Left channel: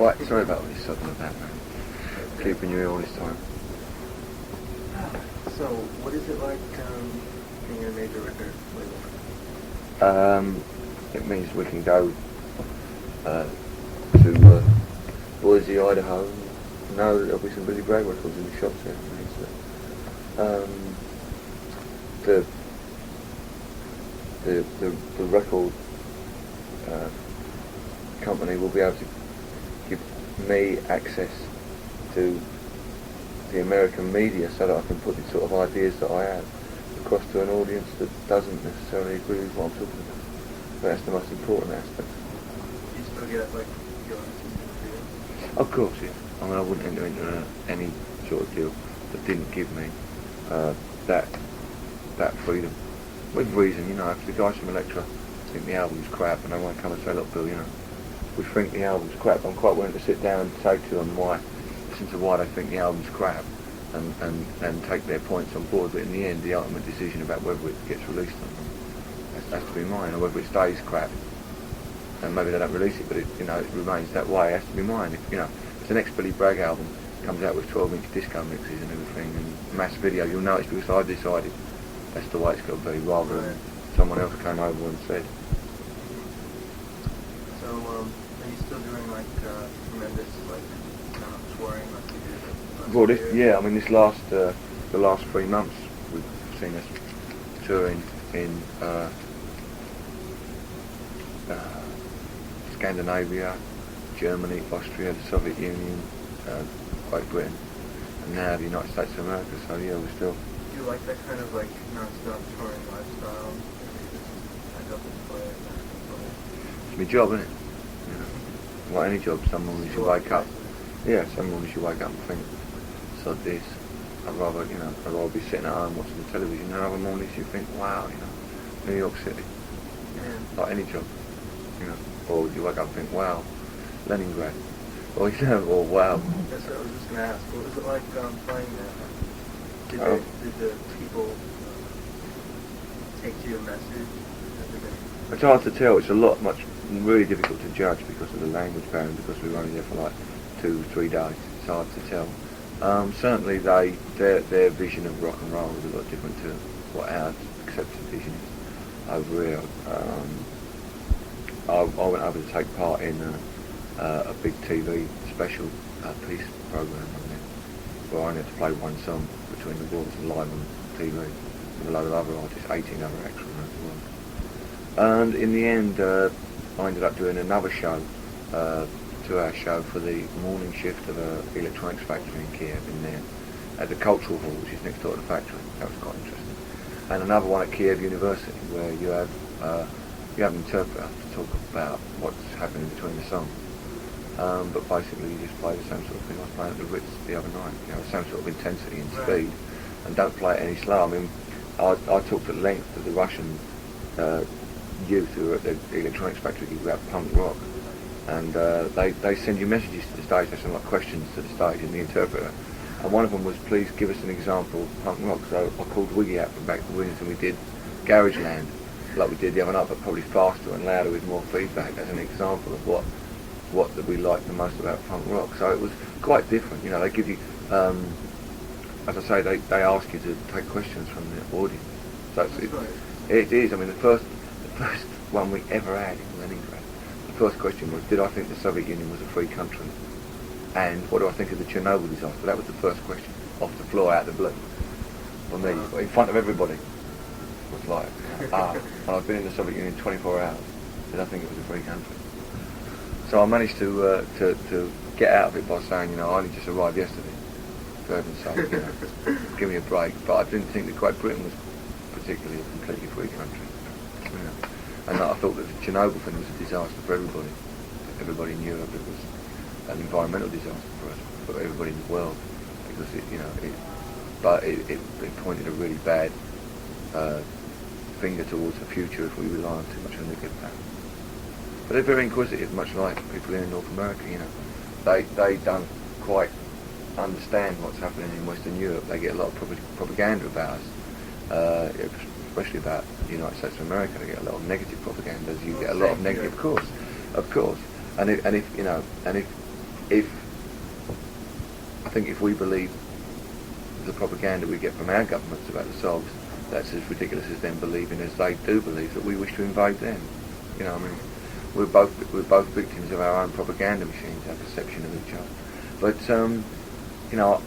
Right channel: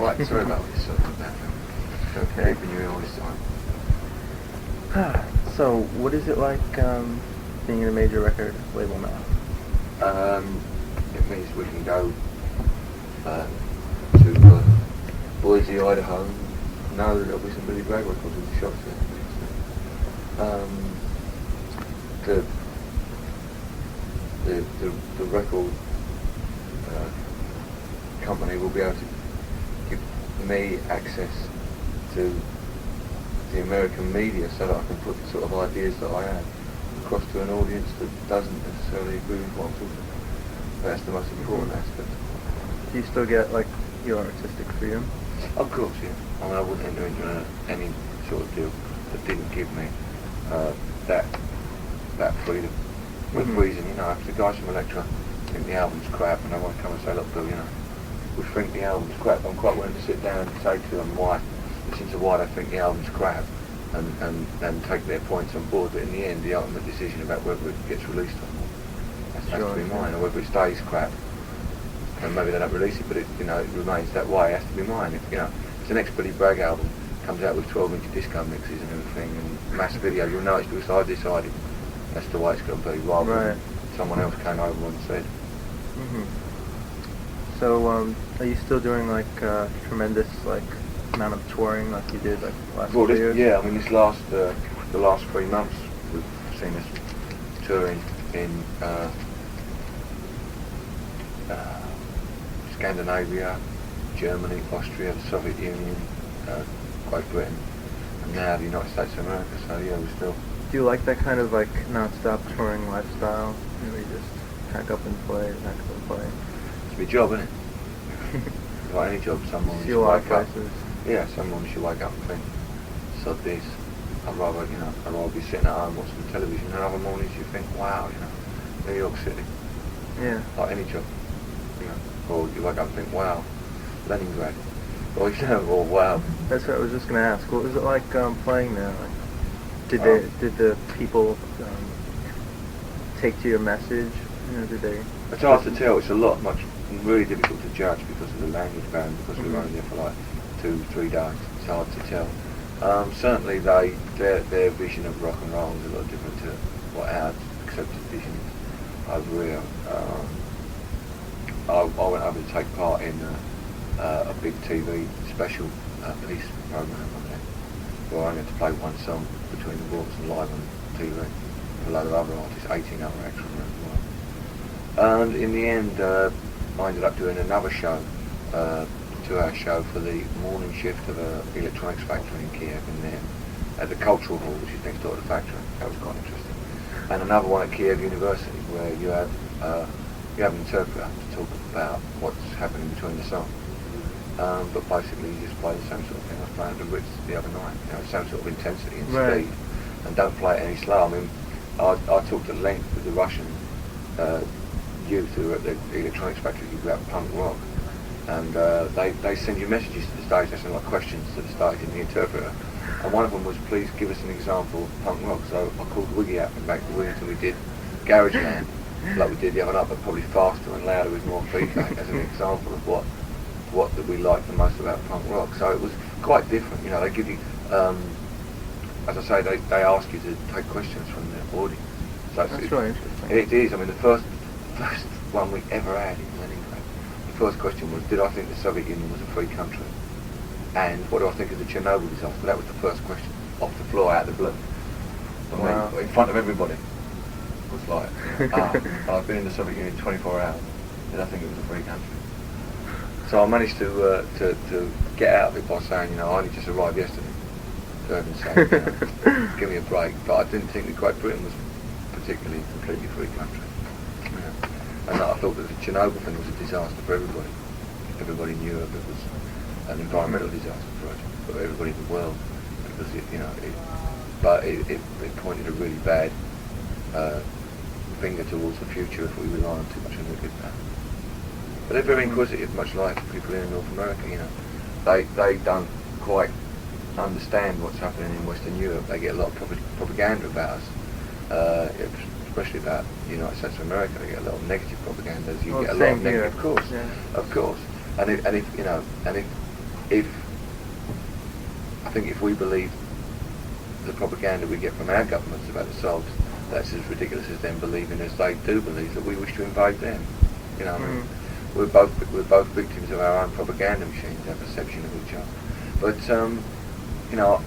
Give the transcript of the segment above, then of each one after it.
Right, sorry about this sort of that. Okay. Keeping you all this time. So, what is it like being in a major record label now? It means we can go to Boise, Idaho, and know that there'll be some Billy Bragg records in the shops there. The record company will be able to give me access to the American media so that I can put the sort of ideas that I have across to an audience that doesn't necessarily agree with what I'm talking about. That's the most important aspect. Do you still get like your artistic freedom? Of course, yeah. I mean, I wouldn't enter into any sort of deal that didn't give me that freedom. With reason, you know, if the guys from Elektra think the album's crap and they want to come and say, look, Bill, you know, we think the album's crap, I'm quite willing to sit down and say to them listen to why they think the album's crap and take their points on board, but in the end, the ultimate decision about whether it gets released or not has to be mine, or whether it stays crap. And maybe they don't release it, but it remains that way. It has to be mine. If the next Billy Bragg album comes out with 12-inch disco mixes and everything and mass video, you'll know it's because I decided that's the way it's got to be, rather than someone else came over and said. So, are you still doing like tremendous like amount of touring like you did like last year? Yeah, I mean the last 3 months we've seen us touring in Scandinavia, Germany, Austria, the Soviet Union, Great Britain, and now the United States of America. So yeah, we're still. Do you like that kind of like non-stop touring lifestyle? Maybe just pack up and play, pack up and play. It's my job, isn't it? Like any job, some mornings you wake up. Yeah, some mornings you wake up and think, sod this. I'd rather be sitting at home watching the television, and other mornings you think, wow, New York City. Yeah. Like any job, Or you wake up and think, wow, Leningrad. Or or wow. That's what I was just gonna ask. What was it like playing there? Like, did the people take to your message? Did they? It's hard to tell. It's really difficult to judge because of the language barrier, because we were only there for like 2-3 days. It's hard to tell. Certainly, their vision of rock and roll is a lot different to what our accepted vision is over here. I went over to take part in a big TV special piece program over there, where I only had to play one song between the wars and live on TV with a load of other artists, 18 other acts from around the world. And in the end, I ended up doing another show, 2-hour show for the morning shift of a electronics factory in Kiev, in there, at the Cultural Hall, which is next door to the factory. That was quite interesting. And another one at Kiev University, where you have an interpreter to talk about what's happening between the songs. But basically you just play the same sort of thing I was playing at the Ritz the other night. Same sort of intensity and speed, and don't play it any slower. I mean, I talked at length with the Russian youth who were at the electronics factory about punk rock, and they send you messages to the stage. They send like questions to the stage in the interpreter, and one of them was, please give us an example of punk rock. So I called Wiggy out from back to Wiggy, and we did Garageland like we did the other night, but probably faster and louder with more feedback as an example of what that we liked the most about punk rock. So it was quite different. They give you, as I say, they ask you to take questions from the audience. So That's really interesting. It is. I mean, the first one we ever had in Leningrad, the first question was, did I think the Soviet Union was a free country? And what do I think of the Chernobyl disaster? That was the first question, off the floor, out of the blue. For me, in front of everybody. It was like, I've been in the Soviet Union 24 hours. Did I think it was a free country? So I managed to get out of it by saying, I only just arrived yesterday. For heaven's sake, give me a break. But I didn't think that Great Britain was particularly a completely free country. And I thought that the Chernobyl thing was a disaster for everybody. Everybody in Europe, it was an environmental disaster for us, for everybody in the world. Because it pointed a really bad finger towards the future if we rely on too much on nuclear power. But they're very inquisitive, much like people here in North America. They don't quite understand what's happening in Western Europe. They get a lot of propaganda about us, especially about the United States of America. They get a lot of negative propaganda. You get a lot of negative, of course. And if I think if we believe the propaganda we get from our governments about the Sogs, that's as ridiculous as them believing, as they do believe, that we wish to invade them. You know, I mean, we're both victims of our own propaganda machines, our perception of each other. But you know,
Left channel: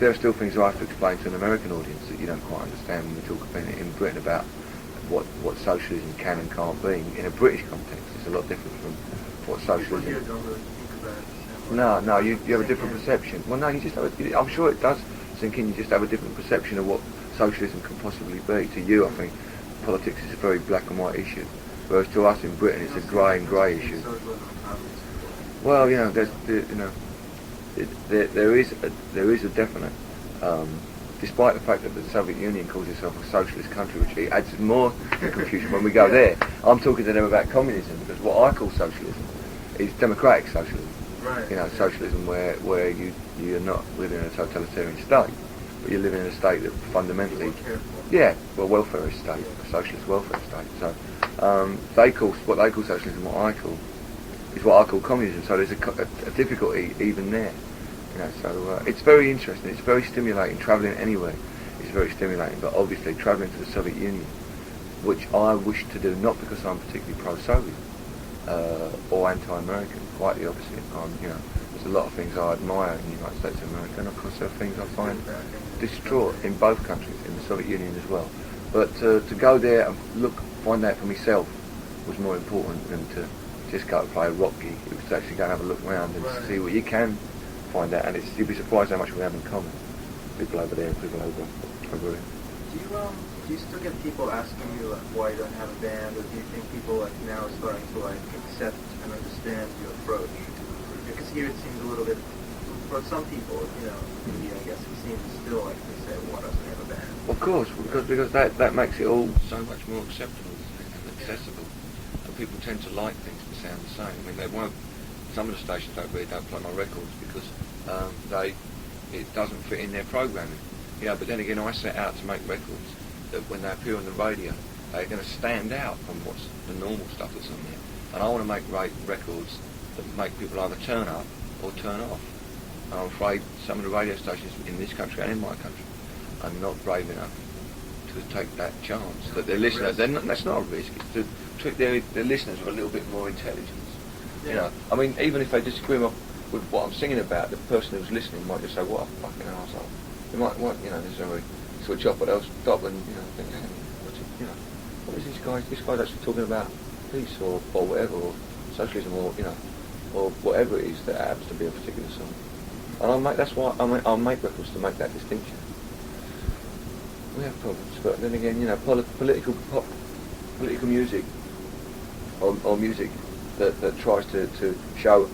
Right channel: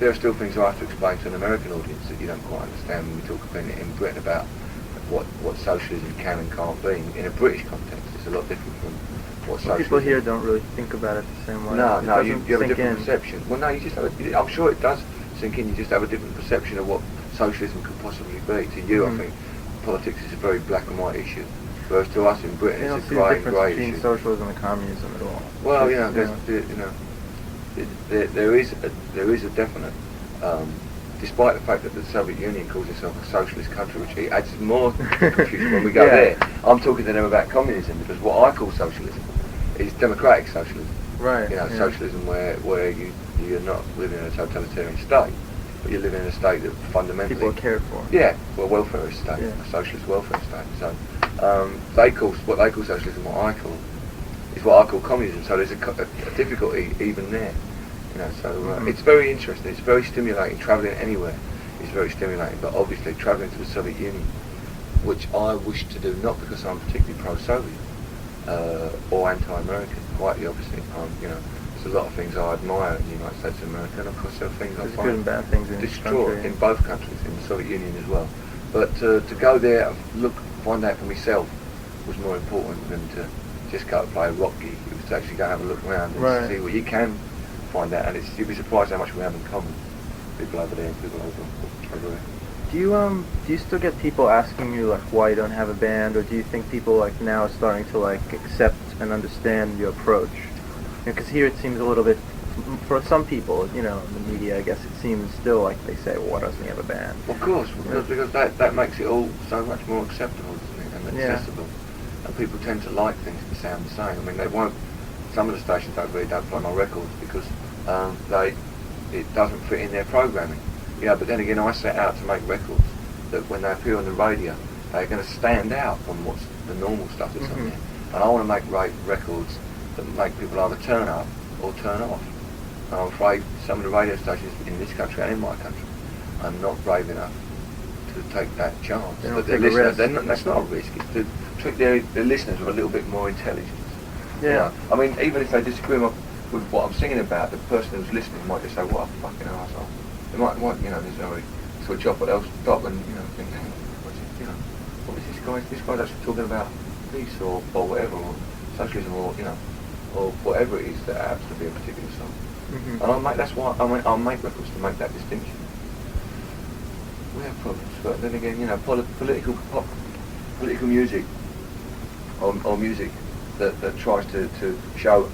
there are still things I have to explain to an American audience that you don't quite understand when we talk in Britain about what socialism can and can't be. In a British context, it's a lot different from what socialism. People here don't really think about it the same way. No, you have a different perception. Well, no, you just have I'm sure it does sink in. You just have a different perception of what socialism could possibly be. To you, I think politics is a very black and white issue, whereas to us in Britain, it's a grey and grey issue. Socialism and communism at all. Well, you know, there is a definite. Despite the fact that the Soviet Union calls itself a socialist country, which adds more confusion when we go there. I'm talking to them about communism because what I call socialism is democratic socialism. Right. You know, socialism where you're not living in a totalitarian state, but you're living in a state that fundamentally people are cared for. Yeah, well, welfare state, a socialist welfare state. So what they call socialism, what I call communism. So there's a difficulty even there. You know, so it's very interesting. It's very stimulating. Travelling anywhere is very stimulating. But obviously, travelling to the Soviet Union, which I wish to do, not because I'm particularly pro-Soviet or anti-American. Quite the opposite. You know, there's a lot of things I admire in the United States of America, and of course there are things I find good and bad things in destroyed in both countries, in the Soviet Union as well. But to go there and find out for myself was more important than to just go and play a rock gig. It was to actually go and have a look around and see what you can find out, and you'd be surprised how much we have in common. People over there and people over there. Do you still get people asking you like why you don't have a band, or do you think people like now are starting to like accept and understand your approach? Because here it seems a little bit, for some people, you know, in the media, I guess it seems still like they say, well, why doesn't he have a band? Of course, because that makes it all so much more acceptable, isn't it, and accessible. And people tend to like things to sound the same. I mean, they won't. Some of the stations don't play my records because it doesn't fit in their programming. Yeah, but then again, I set out to make records that when they appear on the radio, they're going to stand out from what's the normal stuff that's on there. And I want to make records that make people either turn up or turn off. And I'm afraid some of the radio stations in this country and in my country are not brave enough to take that chance. That their listeners, that's not a risk. It's to treat their listeners with a little bit more intelligence. Yeah. You know? I mean, even if they disagree with what I'm singing about, the person who's listening might just say, "What a fucking arsehole." They might, you know, they switch off, but they'll stop and, you know, think, "Hang on, what is this guy? This guy's actually talking about peace or whatever, or socialism, or you know, or whatever it is that happens to be a particular song." And that's why I'll make records to make that distinction. We have problems, but then again, you know, political music or music that tries to show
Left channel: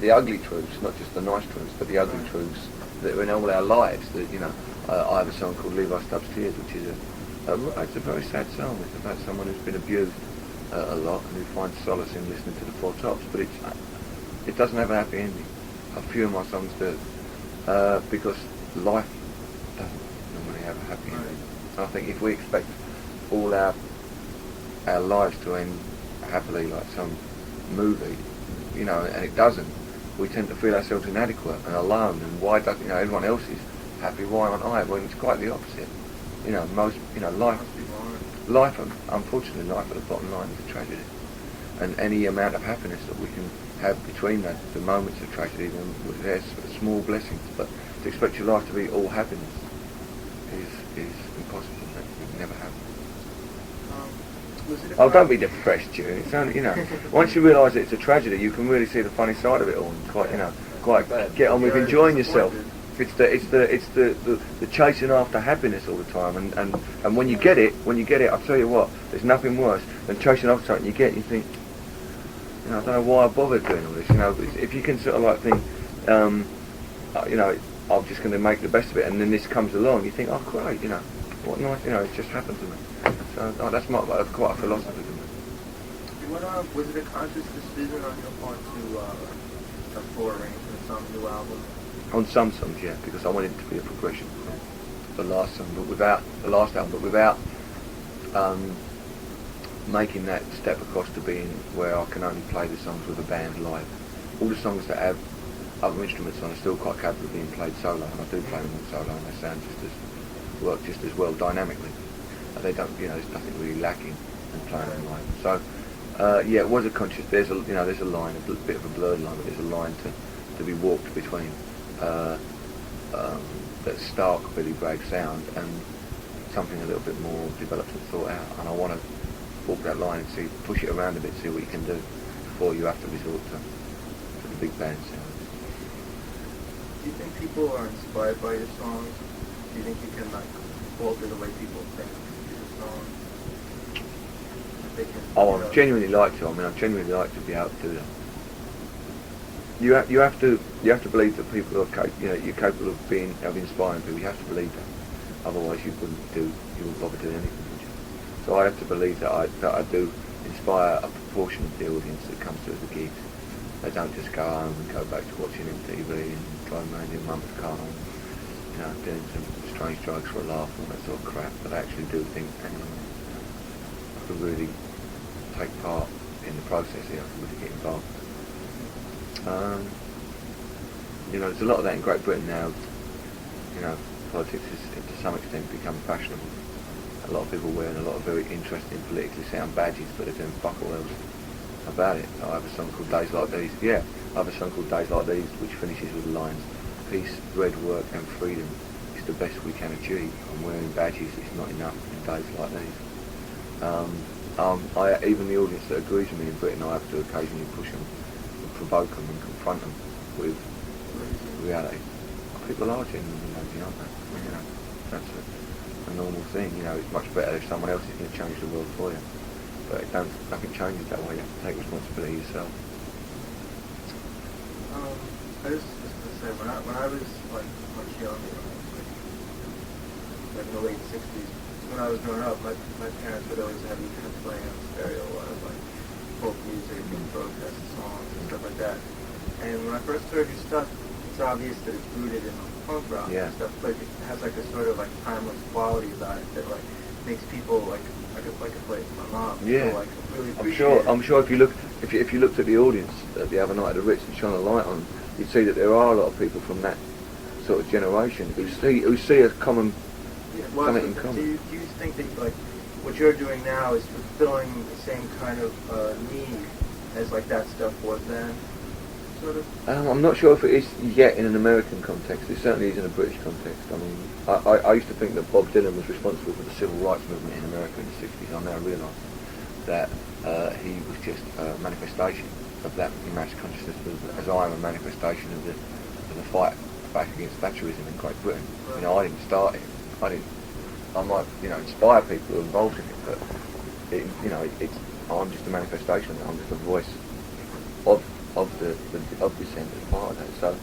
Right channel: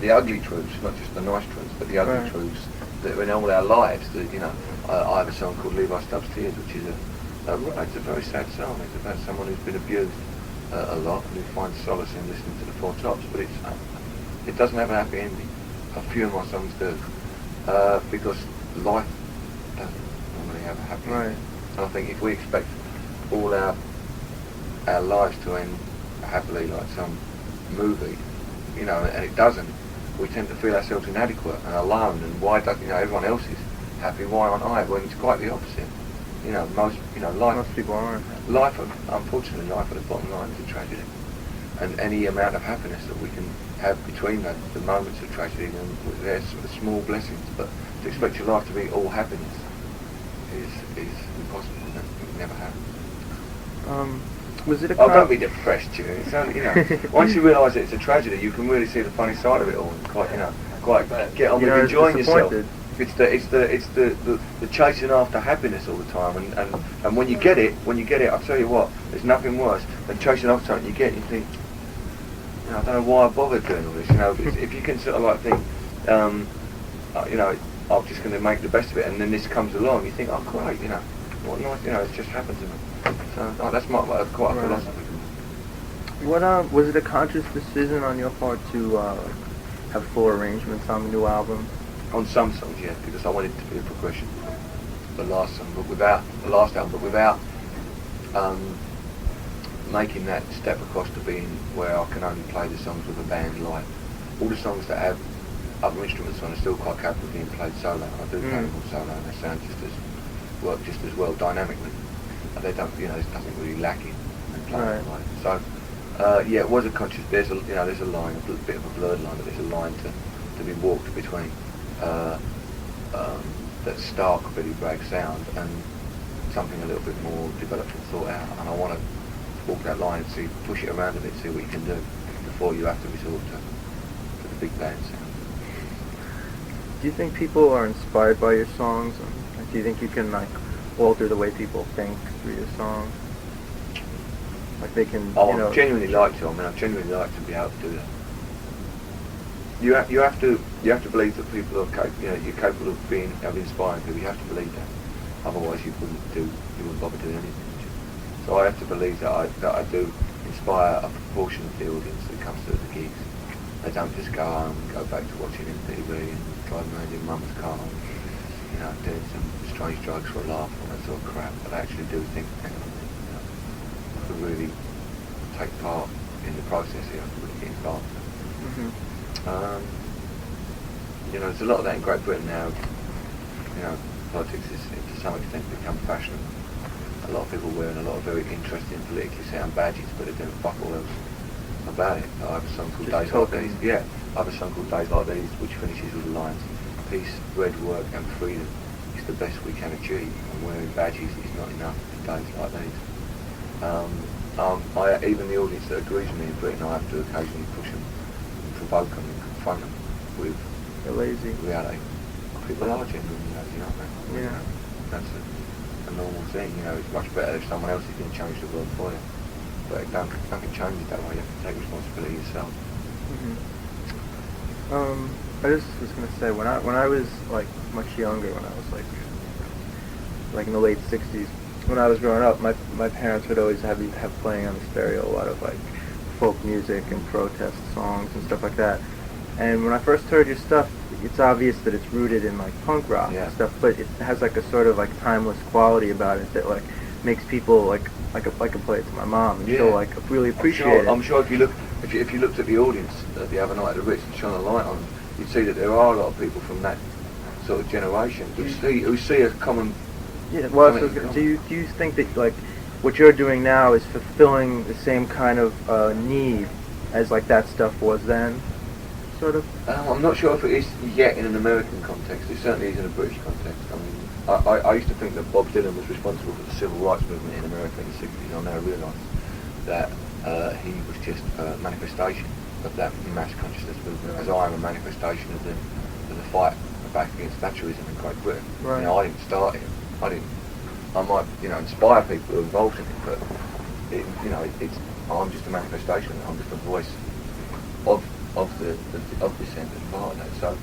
the ugly truths, not just the nice truths, but the ugly truths that are in all our lives. That, you know, I have a song called "Levi Stubbs Tears," which is it's a very sad song. It's about someone who's been abused a lot and who finds solace in listening to the Four Tops. But it doesn't have a happy ending. A few of my songs do, because life doesn't normally have a happy ending. And I think if we expect all our lives to end happily like some movie, you know, and it doesn't, we tend to feel ourselves inadequate and alone, and why don't, you know, everyone else is happy, why aren't I? Well, it's quite the opposite. You know, most people aren't. Unfortunately, life at the bottom line is a tragedy. And any amount of happiness that we can have between the moments of tragedy, when there's small blessings, but to expect your life to be all happiness is impossible. It can never happen. Was it a don't be depressed, June. It's only, you know, once you realise it's a tragedy, you can really see the funny side of it all, and quite get on with enjoying yourself. It's the chasing after happiness all the time, and when you get it, I tell you what, there's nothing worse than chasing after something you get, and you think, you know, I don't know why I bothered doing all this. You know, if you can sort of like think, you know, I'm just going to make the best of it, and then this comes along, you think, oh great, you know, what nice, you know, it's just happened to me. So that's quite a philosophy for me. What was it a conscious decision on your part to have full arrangements on the new album? On some songs, yeah, because I wanted it to be a progression. The last song, but without making that step across to being where I can only play the songs with a band live. All the songs that have other instruments on are still quite capable of being played solo. I do play them on solo, and they sound work just as well dynamically. They don't, there's nothing really lacking in playing them live. So, yeah, it was a conscious. There's a line, a bit of a blurred line, but there's a line to be walked between that stark Billy Bragg sound and something a little bit more developed and thought out. And I want to walk that line and push it around a bit, see what you can do before you have to resort to the big band sound. Do you think people are inspired by your songs? Do you think you can alter the way people think through your songs? Like they can. I genuinely like to. I genuinely like to be able to do that. You have to believe that people are you're capable of inspiring people. You have to believe that. Otherwise, you wouldn't bother doing anything. Would you? So I have to believe that I do inspire a proportion of the audience that comes to the gigs. They don't just go home and go back to watching MTV and driving around in mum's car and doing some strange drugs for a laugh and that sort of crap. But I actually do think I could really take part in the process here. I could really get involved. There's a lot of that in Great Britain now. Politics is to some extent become fashionable. A lot of people wearing a lot of very interesting politically sound badges, but they're doing fuck all else about it. I have a song called Days Like These. Yeah, I have a song called Days Like These, which finishes with the lines: "Peace, bread, work, and freedom is the best we can achieve, and wearing badges is not enough in days like these." Even the audience that agrees with me in Britain, I have to occasionally push them and provoke them and confront them with reality. People are genuinely lazy, aren't they? Yeah. That's a normal thing. It's much better if someone else is going to change the world for you. But nothing changes that way. You have to take responsibility yourself. I just was going to say, when I was much younger, when I was like in the late '60s, when I was growing up, my parents would always have playing on the stereo a lot of folk music and protest songs and stuff like that. And when I first heard your stuff, it's obvious that it's rooted in punk rock and stuff, but it has a sort of timeless quality about it that makes people I could play it to my mom and she'll really appreciate it. I'm sure if you looked at the audience the other night at the Ritz and shone a light on them, you'd see that there are a lot of people from that sort of generation who see a common. Yeah. Well, do you think that what you're doing now is fulfilling the same kind of need as that stuff was then? Sort of? I'm not sure if it is yet in an American context. It certainly is in a British context. I used to think that Bob Dylan was responsible for the civil rights movement in America in the '60s. I now realise that he was just a manifestation of that mass consciousness movement, as I am a manifestation of the fight back against Thatcherism in Great Britain. Right. I didn't start it. I might inspire people who are involved in it, but I'm just a manifestation. I'm just a voice of the centre part of that. So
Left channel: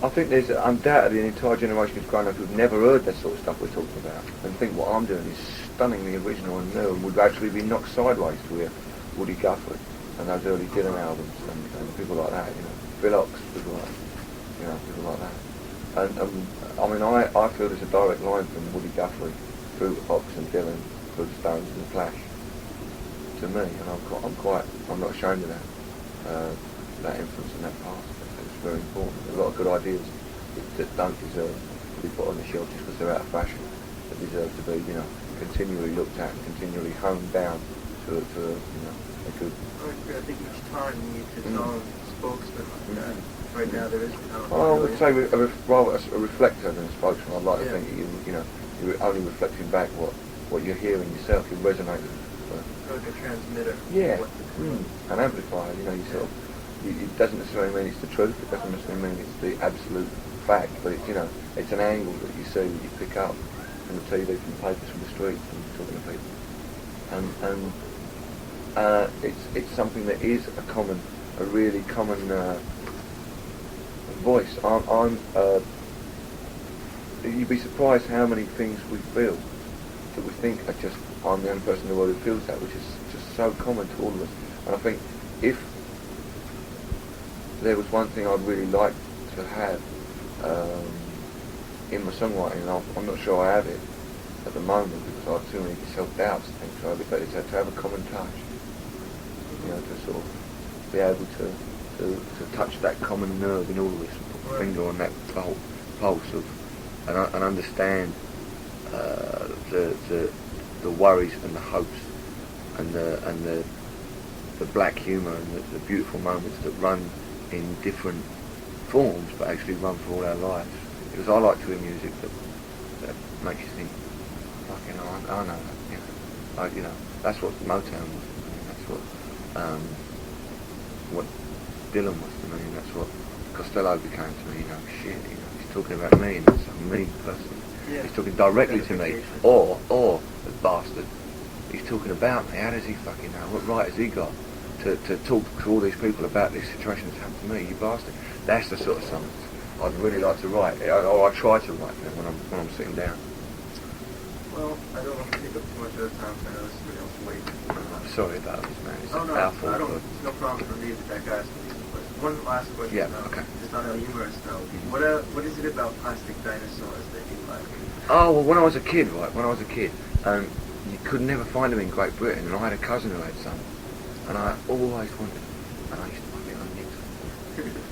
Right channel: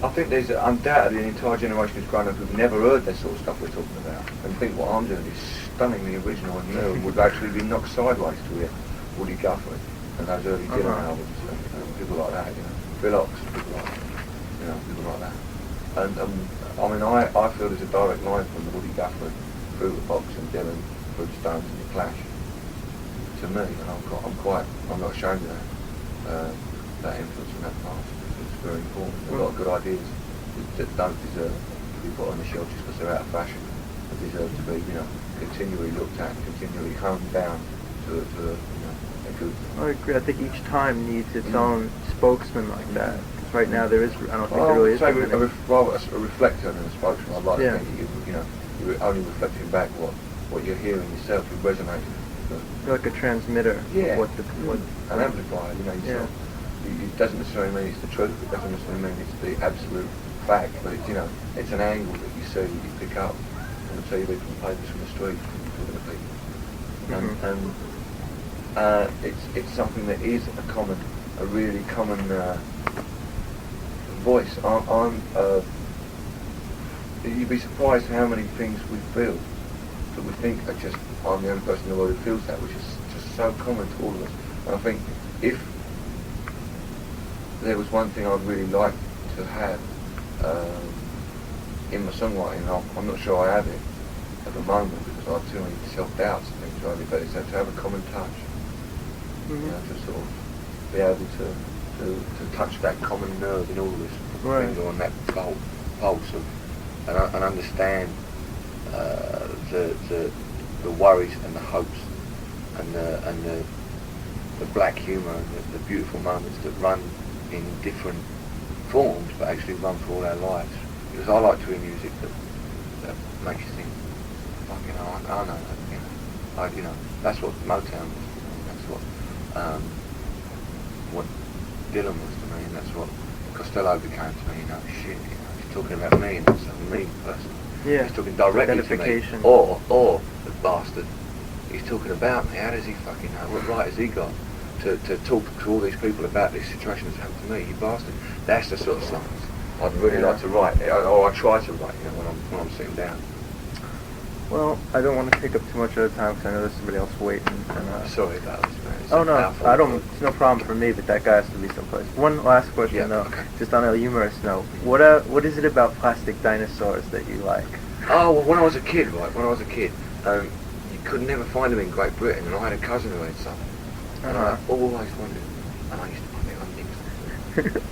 I think there's undoubtedly an entire generation who's grown up who've never heard that sort of stuff we're talking about, and think what I'm doing is stunningly original and new, and would actually be knocked sideways to hear Woody Guthrie and those early Dylan albums and people like that, Bill Ox, people like that. And I feel there's a direct line from Woody Guthrie through the Box and Dylan, through the Stones and the Clash to me, and I'm not ashamed of that influence in that part. It's very important. A lot of good ideas that don't deserve to be put on the shelf just because they're out of fashion. They deserve to be, continually looked at and continually honed down to a good. I agree. I think each time needs its own spokesman like that. Right now there is. I don't think there really is. I would say a reflector than a spokesman. I'd like to think that you're only reflecting back what you're hearing yourself. You're resonating. You're like a transmitter. Yeah. An amplifier. It doesn't necessarily mean it's the truth. It doesn't necessarily mean it's the absolute fact. But it's an angle that you see, that you pick up from the TV, from the papers, from the street, from talking to people. And it's something that is a really common voice. You'd be surprised how many things we feel that we think are just, I'm the only person in the world who feels that, which is just so common to all of us. And I think if there was one thing I'd really like to have in my songwriting, and I'm not sure I have it at the moment because I have too many self-doubts and things like that, but it's to have a common touch. To sort of be able to to touch that common nerve in all of this and put my Right. finger on that pulse of, and understand the worries and the hopes and the black humour and the beautiful moments that run in different forms but actually run for all our lives. Because I like to hear music that makes you think, like, you know, I know, you know, that's what Motown was to me, that's what Dylan was to me, and that's what Costello became to me, you know, shit, you know, he's talking about me, and that's a me person. Yeah. He's talking directly to me. Identification. Or, the bastard, he's talking about me. How does he fucking know? What right has he got to talk to all these people about this situation that's happened to me, you bastard? That's the sort of songs I'd really like to write, or I try to write, you know, when I'm sitting down. Well, I don't want to take up too much of the time because I know there's somebody else waiting. Sorry about this, man. It's Oh no, our fault. I don't. It's no problem for me, but that guy has to be someplace. One last question, Yeah, though, okay. just on a humorous note. Mhm. What is it about plastic dinosaurs that you like? Oh, well, when I was a kid, you could never find them in Great Britain, and I had a cousin who had some. And I always wondered, and I used to pick them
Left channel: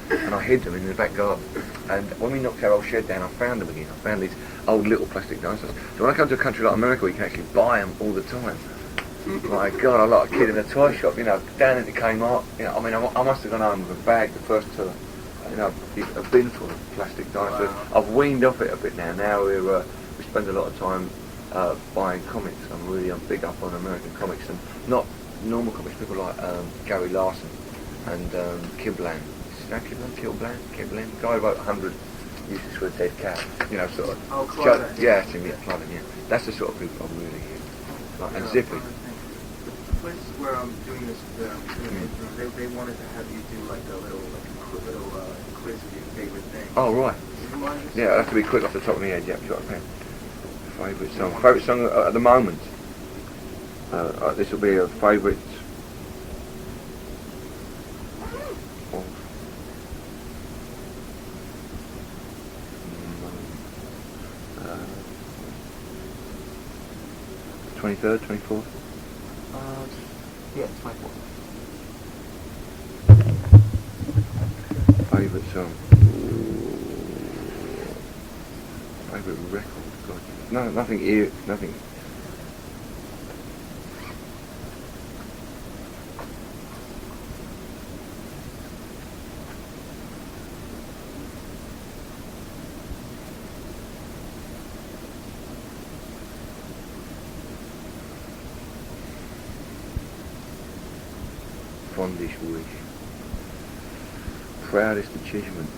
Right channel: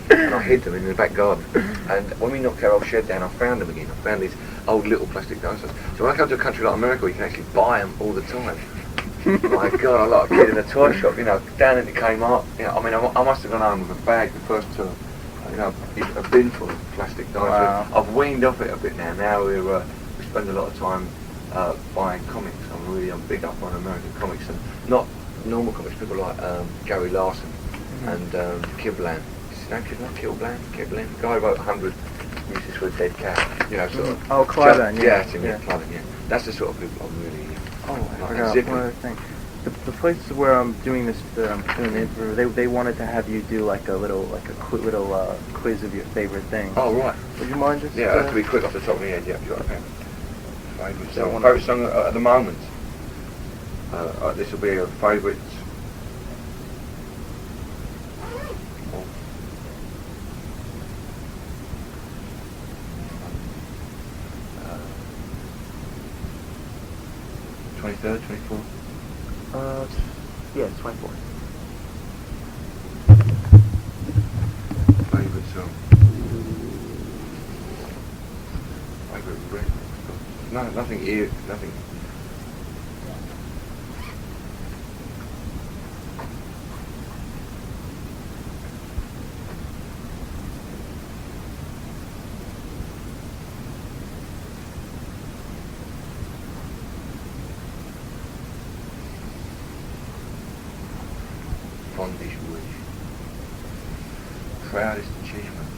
and I hid them in the back garden. And when we knocked our old shed down, I found them again. I found these old little plastic dinosaurs. So when I come to a country like America, you can actually buy them all the time. My God, I'm like a kid in a toy shop, you know, down into Kmart. You know, I mean, I must have gone home with a bag the first tour. You know, a bin full of plastic dinosaurs. Wow. I've weaned off it a bit now. Now we spend a lot of time buying comics. I'm big up on American comics, and not normal comics. People like Gary Larson and Kiblan. Is his name Kiblan? Kiblan. The guy wrote 100 Uses for a Dead Cat. You know, sort of. Oh, Cliven, Yeah, it's him, Cliven, yeah. That's the sort of people I'm really. Oh, I like, forgot zippy. one other thing. The places where I'm doing this, doing the interview, they wanted to have you do like a quiz of your favorite things. Oh, right. Would you mind just? Yeah, I have to be quick off the top of my head. Yeah, you've got a pen. Favourite So song. one- Favourite song at the moment. This will be a favourite. Oh. 23rd, 24th. Yeah, it's 24. Favourite song. Favourite record. No, nothing here. Nothing. Fondest wish. Proudest achievement.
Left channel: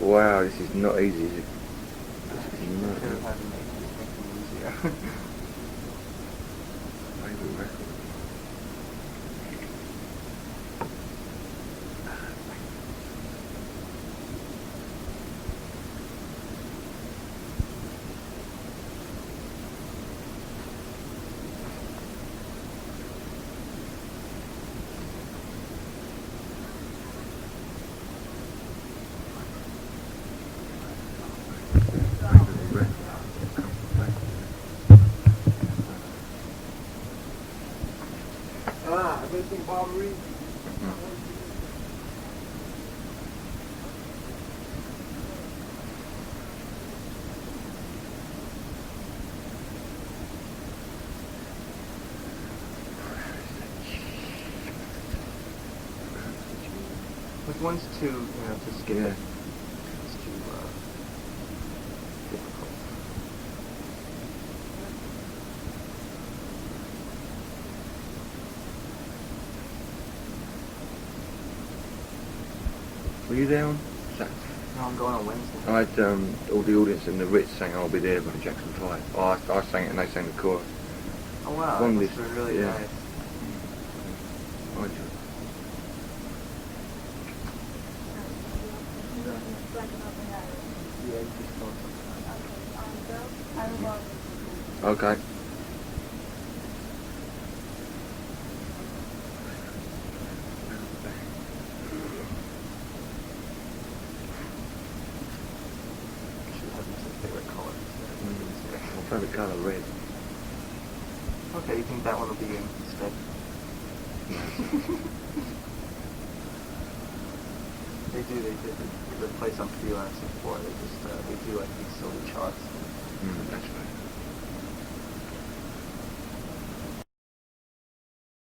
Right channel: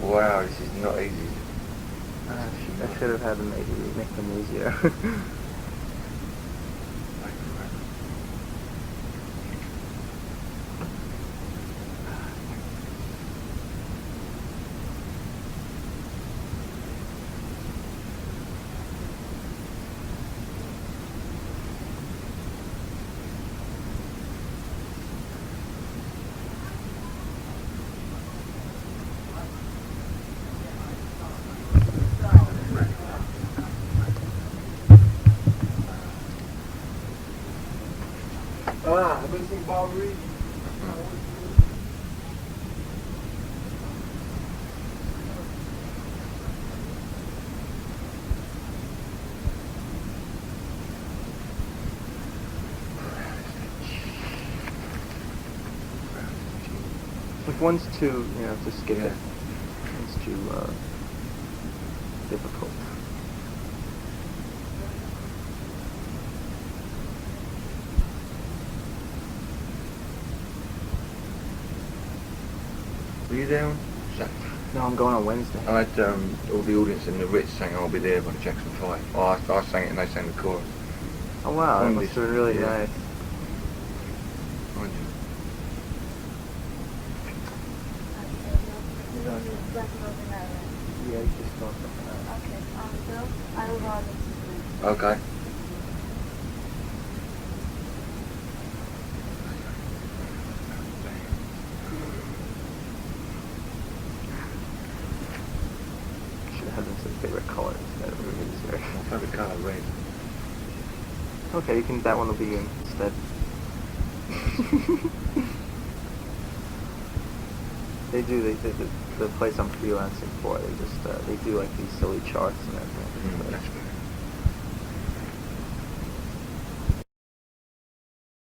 Wow, this is not easy, is it? I should have had them make them easier. Favourite record. Missing Barbary. If one's too, just skip Yeah. it. It's too difficult. Were you there on Saturday? No, I'm going on Wednesday. I had all the audience in the Ritz saying I'll be there by the Jackson 5. Oh, I sang it and they sang the chorus. Oh wow, that Fondest, must have been really yeah. nice. Weren't you? Yeah, you just felt something out. Okay. Should have them some favorite colors instead of My favourite colour, red. Okay, you can. That one will be in instead. They do. They do. The place I'm freelancing for, they just they do like these silly charts and everything. That's right.